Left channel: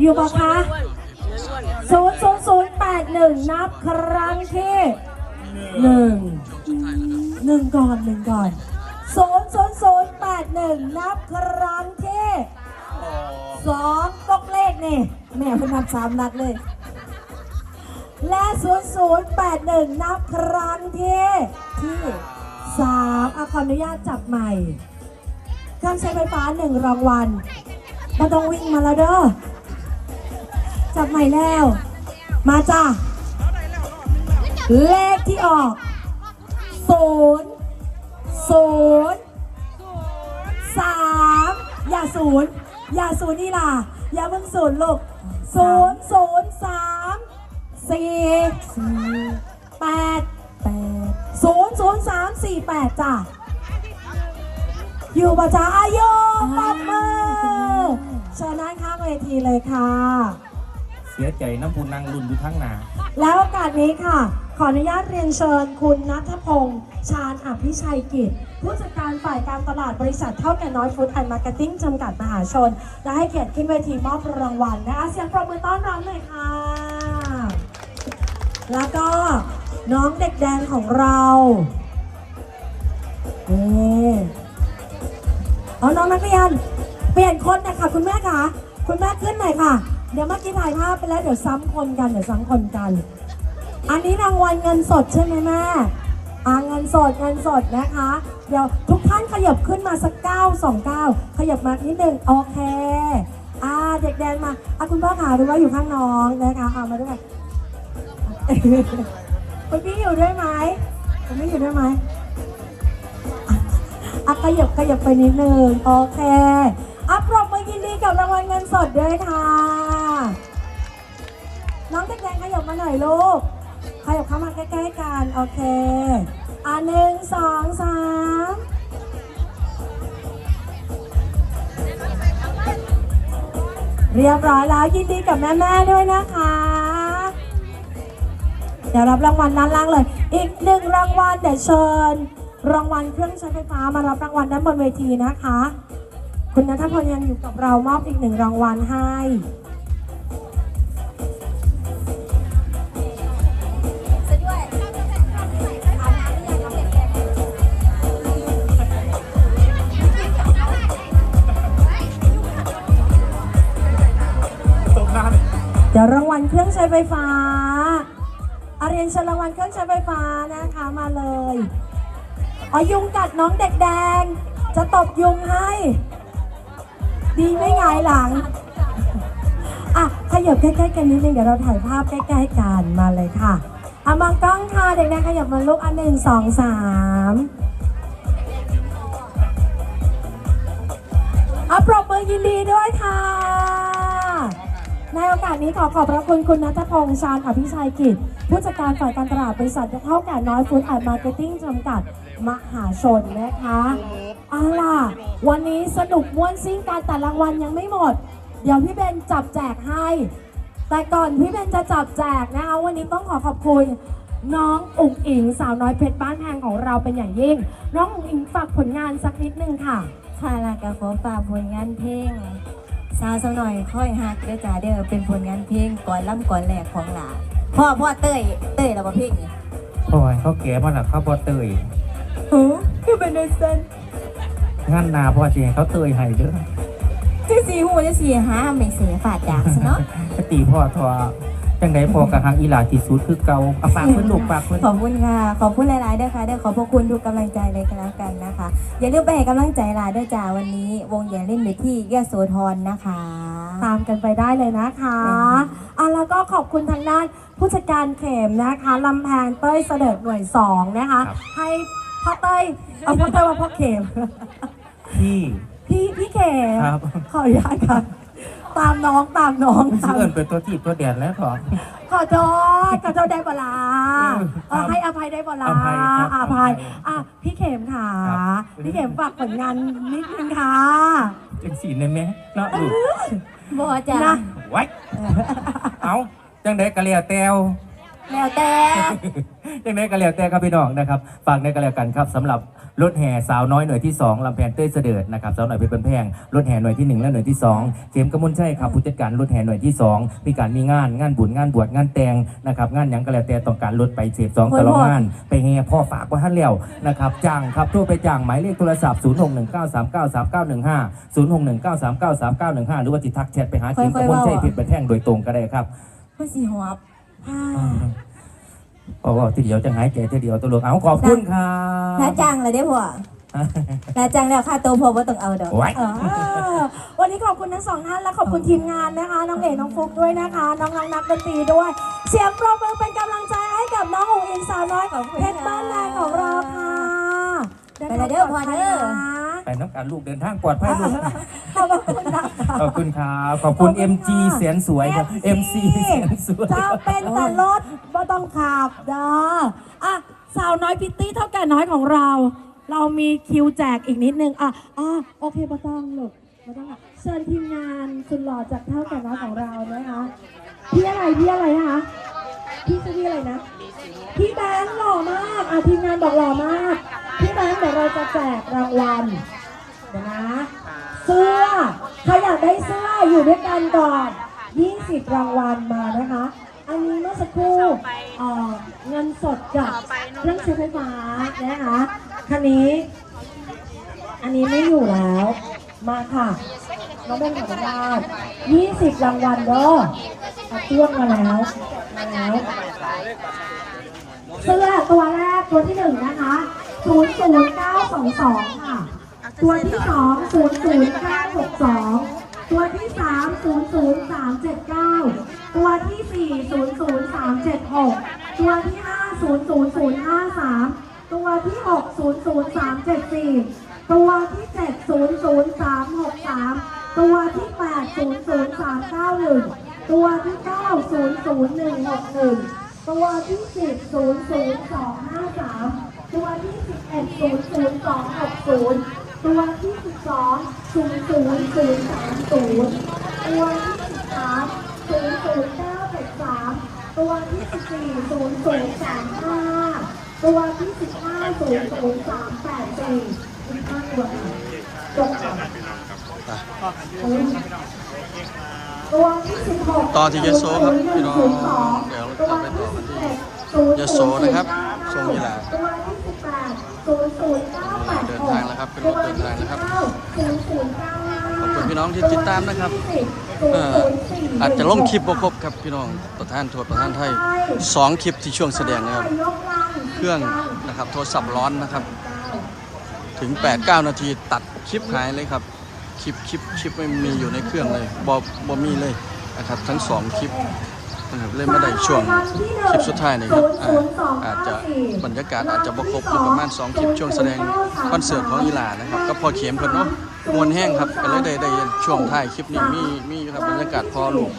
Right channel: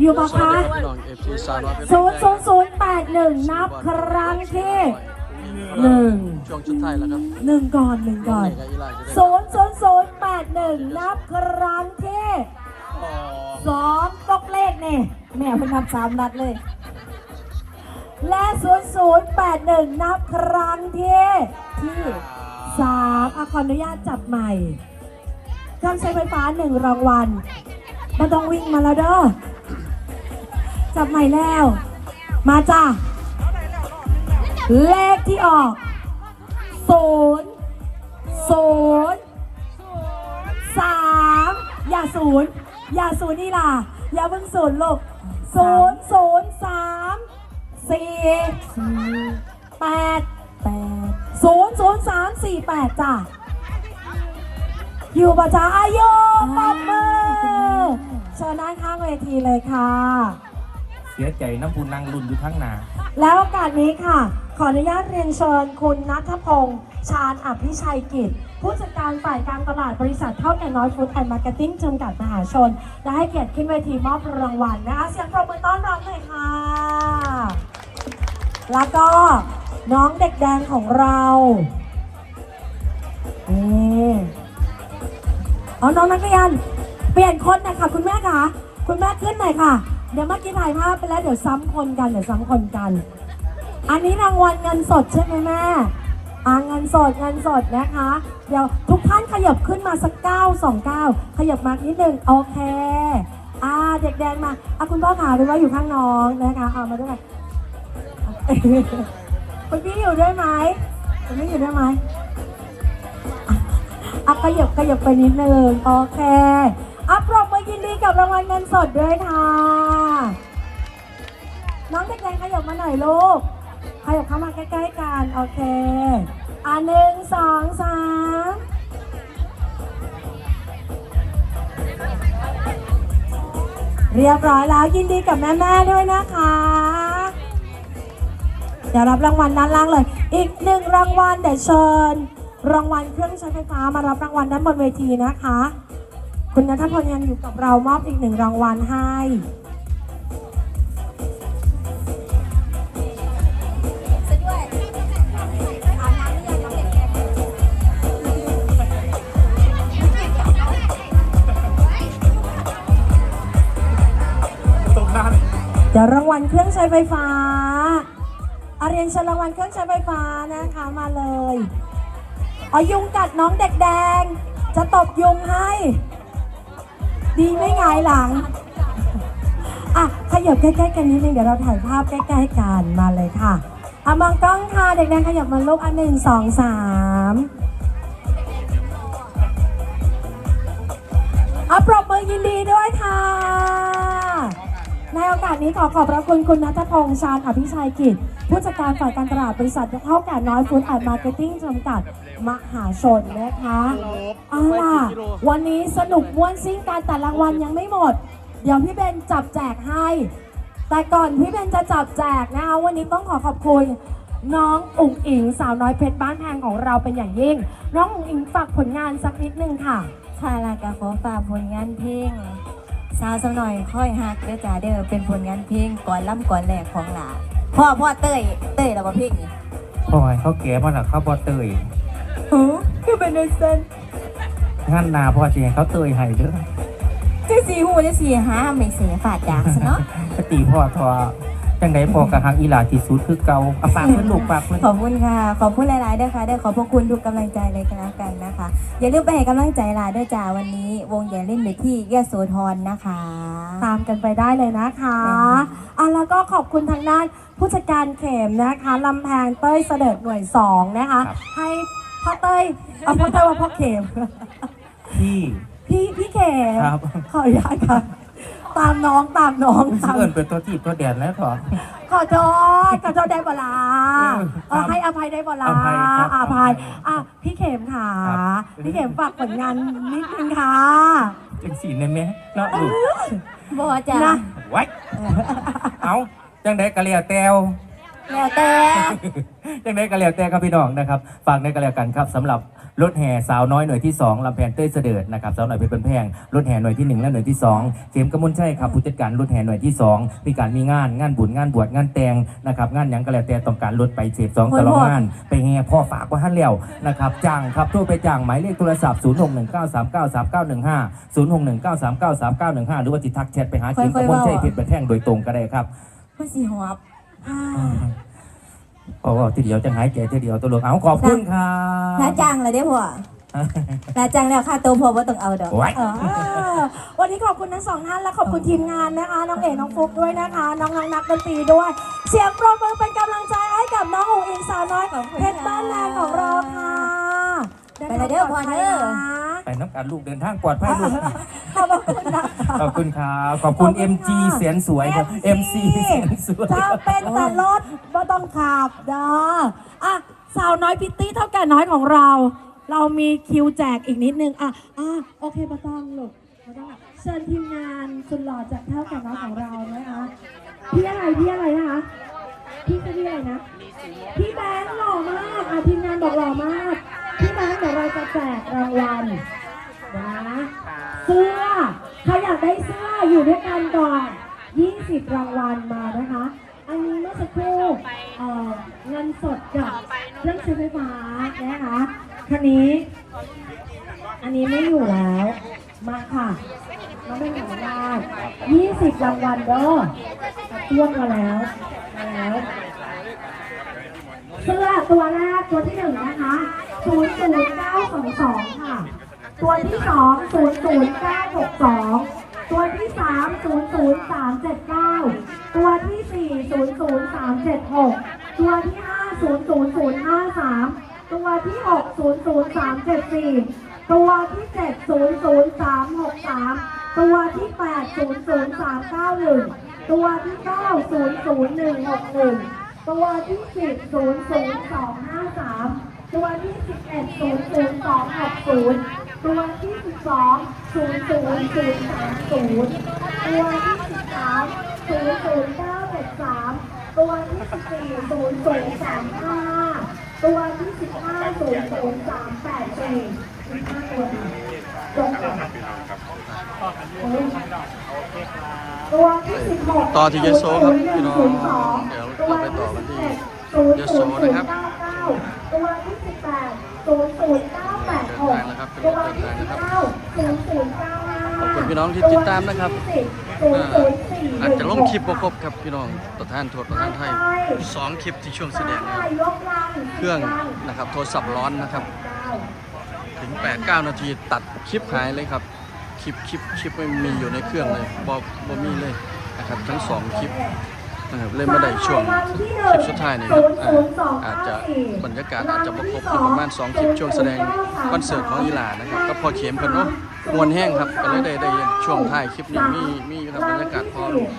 อยู่ปะคะศูนย์ศูนย์ศูนย์แปดหนึ่งนับครั้งที่หนึ่งหนึ่งก่อนหนึ่งก่อนศูนย์ศูนย์ศูนย์แปดหนึ่งนับครั้งที่สองกกเลขนี่แม่เพิ่งนับสามนัดเลย และศูนย์ศูนย์แปดหนึ่งนับครั้งที่ที่สามอะขออนุญาตจับใหม่เครื่องใช้ไฟฟ้าหนึ่งรางวัลมาต้องวิ่งมาแล้วเด้อ จับใหม่แล้ว มาจ้าเลขที่ออกศูนย์ศูนย์สามอย่าศูนย์อย่าศูนย์นี่ล่ะ อย่าเพิ่งศูนย์ลูกศูนย์ศูนย์สามสี่สี่แปดแปดศูนย์ศูนย์สามสี่แปดจ้ะอยู่ปะจ๊ะอายุปอบมือเชิญนั่งข้างเวทีเลยค่ะ สียใจน้ำพุนนางรุ่นอยู่ทั้งนา แล้วโอกาสนี้ค่ะ ขออนุญาตเรียนเชิญคุณนัทพงษ์ชาญอภิชัยกิจ ผู้จัดการฝ่ายการตลาดบริษัทเท่าแก่น้อยฟู้ดแอนด์มาร์เก็ตติ้งจำกัดมหาชน และให้เกียรติขึ้นเวทีมอบรางวัลนะคะเสียงปรบมือต้อนรับหน่อยค่ะ แล้วก็น้องเด็กแดงของเรานี่เอาน้องนักเรียนเปลี่ยนคนนะคะคุณแม่คะคุณแม่ขึ้นหน่อยค่ะ เดี๋ยวเมื่อกี้ถ่ายภาพไปแล้วเดี๋ยวซ้ำคนกันเดี๋ยวซ้ำคนกัน อันนี้รางวัลเงินสดใช่ไหมแม่อ่าเงินสดเงินสดนะคะ เดี๋ยวทุกท่านขยับขึ้นมาสักเก้าสองเก้าขยับมานิดหนึ่งโอเคอ่าเด็กแดงมาอะคุณพ่อขาดูว่าอยู่ข้างน้องนะคะเอามาด้วยคุณพี่อยู่ด้วยไหมคุณพี่อยู่ด้วยไหมอะขยับขยับไปนิดนึงโอเคอะปรบมือยินดีกับรางวัลเงินสดด้วยค่ะ น้องแดงขยับมาหน่อยลูกขยับเข้ามาใกล้ๆกันโอเคอะหนึ่งสองสามเรียบร้อยแล้วยินดีกับแม่ๆด้วยนะคะ เดี๋ยวรับรางวัลด้านล่างเลย อีกหนึ่งรางวัลเดี๋ยวเชิญ รางวัลเครื่องใช้ไฟฟ้ามารับรางวัลด้านบนเวทีนะคะ คุณนัทพลยังอยู่กับเรามอบอีกหนึ่งรางวัลให้ ดี๋ยวรางวัลเครื่องใช้ไฟฟ้าอาเรียนเชิญรางวัลเครื่องใช้ไฟฟ้านะคะมาเลยอ๋อยุงกัดน้องเด็กแดง จะตบยุงให้ ดีไม่หงายหลังอะขยับใกล้ๆกันนิดนึงเดี๋ยวเราถ่ายภาพใกล้ๆกันมาเลยค่ะอะมองกล้องค่ะเด็กแดงขยับมาลูกอันหนึ่งสองสามอะปรบมือยินดีด้วยค่ะ ในโอกาสนี้ขอขอบพระคุณคุณนัทพงษ์ชาญอภิชัยกิจ ผู้จัดการฝ่ายการตลาดบริษัทเท่าแก่น้อยฟู้ดแอนด์มาร์เก็ตติ้งจำกัดมหาชนนะคะเอาล่ะ วันนี้สนุกม่วนซิ่งการแต่รางวัลยังไม่หมด เดี๋ยวพี่เบนจับแจกให้ แต่ก่อนพี่เบนจะจับแจกนะคะวันนี้ต้องขอขอบคุณน้องอุ๋งอิงสาวน้อยเพชรบ้านแพงของเราเป็นอย่างยิ่ง น้องอุ๋งอิงฝากผลงานสักนิดนึงค่ะ ค่ะแล้วก็ขอฝากผลงานเพลง สาวสาวหน่อยค่อยฮักเด้อจ้าเด้อเป็นผลงานเพลงก่อนล่ำก่อนแหลกของหลาพ่อพ่อเต้ยเต้ยแล้วก็เพลงนี้ำพ่อให้เขาแก่มาหนักเขาบอเตยหือคือเป็นในเซนงั้นนาพ่อจะให้เขาเตยให้เด้อที่สีหูจะสีหาไม่เสียฝาดจากซะเนาะปตีพ่อทอ จังไดพ่อกับฮักอีหลาที่สุดคือเก่าเอาปากเพิ่นลูกปากเพิ่นขอบคุณค่ะ ขอบคุณหลายๆเด้อค่ะเด้อขอบพระคุณทุกกำลังใจเลยกันแล้วกันนะคะ อย่าลืมไปให้กำลังใจหลานด้วยจ้าวันนี้ วงใหญ่เล่นไปที่ยโสธรนะคะ ตามกันไปได้เลยนะคะอะแล้วก็ขอบคุณทางด้านผู้จัดการเข็มนะคะลำแพงเต้ยเสด็จหน่วยสองนะคะ ให้พ่อเต้ยเอาพ่อเต้ยมาพ่อเข็มพี่พี่พี่เข็มครับขออนุญาตค่ะ ตามน้องตามน้องผมสิตามเอิ้นเป็นตัวทีบตัวแดนแล้วพ่อขอโทษขอโทษได้เวลาเออครับให้อภัยได้เวลาอภัยครับอภัยอภัยอะพี่เข็มค่ะ ครับพี่เข็มฝากผลงานนิดนึงค่ะจังสีนั่นแม่เนาะลูกบัวจ้านะไว้เอาจังไดกะเลียวแตว แล้วแต่ ยังไงก็แล้วแต่ครับพี่น้องนะครับฝากในกันแล้วกันครับสำหรับ รถแห่สาวน้อยหน่วยที่ 2ลำแพนเต้ยเสด็จนะครับสาวหน่อยเพชรเป็นแพงรถแห่หน่วยที่ 1 และหน่วยที่ 2เจมส์กมลชัยครับผู้จัดการรถแห่หน่วยที่ 2 มีการมีงานงานบุญงานบวชงานแต่งนะครับงานหยังก็แล้วแต่ต้องการรถไปเสพสองตลอดงาน ไปแห่พ่อฝากว่าท่านแล้วนะครับจ้างครับโทรไปจ้างหมายเลขโทรศัพท์0619393915 0619393915 หรือว่าติดทักแชทไปหาเจมส์กมลชัยเพชรเป็นแพงโดยตรงก็ได้ครับผู้สีหอบ เพราะว่าทีเดียวจะหายใจทีเดียวตัวลูกเอาขอบคุณครับน้าจ้างเลยได้อพ่อน้าจ้างแล้วค่าตัวพ่อบ่ต้องเอาดอกไว้อ่าวันนี้ขอบคุณทั้งสองท่านและขอบคุณทีมงานนะคะ น้องเอ๋น้องฟุกด้วยนะคะ น้องๆนักดนตรีด้วย เสียงปรบมือเป็นกำลังใจให้กับน้ององอิงสาวน้อยของเพชรบ้านแรงของเราค่ะไปละเด้อพ่อเด้อ ไปน้ำกันลูกเดินทางปลอดภัยลูก ขอบคุณนะคะขอบคุณครับ ขอบคุณ MG เสียงสวยครับ MC เสียงสวย ถ้าเป็นแต่รถก็ต้องขับเด้ออะสาวน้อยพิตตี้เท่าแก่น้อยของเรา เรามีคิวแจกอีกนิดนึงอะอะโอเคไม่ต้องลูกไม่ต้องอะเชิญทีมงานสุดหล่อจากเท่าแก่น้อยของเรานะคะพี่อะไรพี่อะไรนะคะพี่ชื่อพี่อะไรนะ พี่แบงค์หล่อมากอะทีมงานบอกหล่อมาก พี่แบงค์เดี๋ยวเราจะแจกรางวัล นะเสื้อใครอยากได้เสื้ออยู่ด้วยกันก่อน 20 รางวัลมานะคะ อันนี้เมื่อสักครู่เอ่อเงินสดกับเครื่องใช้ไฟฟ้านะคะคันนี้ อันนี้ไม่อยู่แล้ว มาค่ะมาได้หมาได้20 รางวัลเด้อเอาต้วงมาแล้วมาแล้วเสื้อตัวแรกตัวที่หนึ่งนะคะ00922 ค่ะ ตัวที่สอง00962ตัวที่สาม00379ตัวที่สี่00376ตัวที่ห้า00053ตัวที่หก00374ตัวที่เจ็ด00363ตัวที่แปด00391ตัวที่เก้า00161ตัวที่สิบศูนย์ศูนย์สองห้าสามตัวที่สิบเอ็ดศูนย์ศูนย์สองหกศูนย์ ตัวที่สิบสองศูนย์ศูนย์ศูนย์สามศูนย์ตัวที่สิบสามศูนย์ศูนย์เก้าแปดสามตัวที่สิบสี่ศูนย์ศูนย์สามห้าตัวที่สิบห้าศูนย์ศูนย์สามแปดเจ็ดสิบห้าตัวตัว ต่อที่ยโสครับพี่น้องเดี๋ยวเราไปต่อกันที่ยโสนะครับทรงยีลาเดินทางแล้วครับเป็นรถเดินทางนะครับขอบคุณพี่น้องที่ติดตามนะครับอาจจะล่มคลิปบ่ครบครับพี่น้องประธานโทษประธานไทยสองคลิปที่ช่วงแสดงนะครับ เครื่องนะครับโทรศัพท์ร้อนนะครับ ถึง 8-9 นาทีตัดคลิปหายเลยครับ ลิปคลิปคลิปไม่มีอยู่ในเครื่องเลยบอบอมีเลยนะครับทั้งสองคลิปนะครับเล่นมาได้ช่วงคลิปสุดท้ายนี่ครับอาอาจจะบรรยากาศอาจจะบครบอยู่ประมาณ 2 คลิปช่วงแสดงคอนเสิร์ตของอีหลานะครับก็พอเข็มเพิ่นเนาะมวนแห้งครับก็เลยได้ได้ช่วงท้ายคลิปนี้มีมีครับบรรยากาศพ่อลูก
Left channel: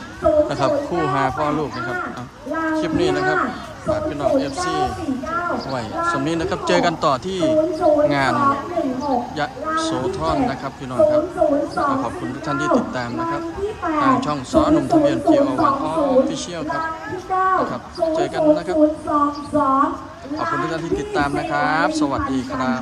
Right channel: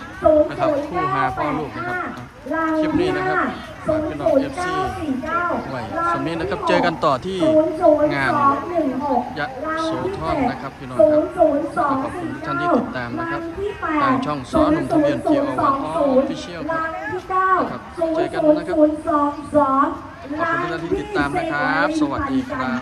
นะครับคู่หาพ่อลูกนะครับคลิปนี้นะครับ ฝากพี่น้องเอฟซีไว้สำนี้นะครับเจอกันต่อที่งานยะโสธรนะครับพี่น้องครับขอบคุณทุกท่านที่ติดตามนะครับ ทางช่องสอหนุ่มทะเบียนเจโอวันออฟฟิเชียลครับนะครับเจอกันนะครับขอบคุณทุกท่านที่ติดตามนะครับ สวัสดีครับ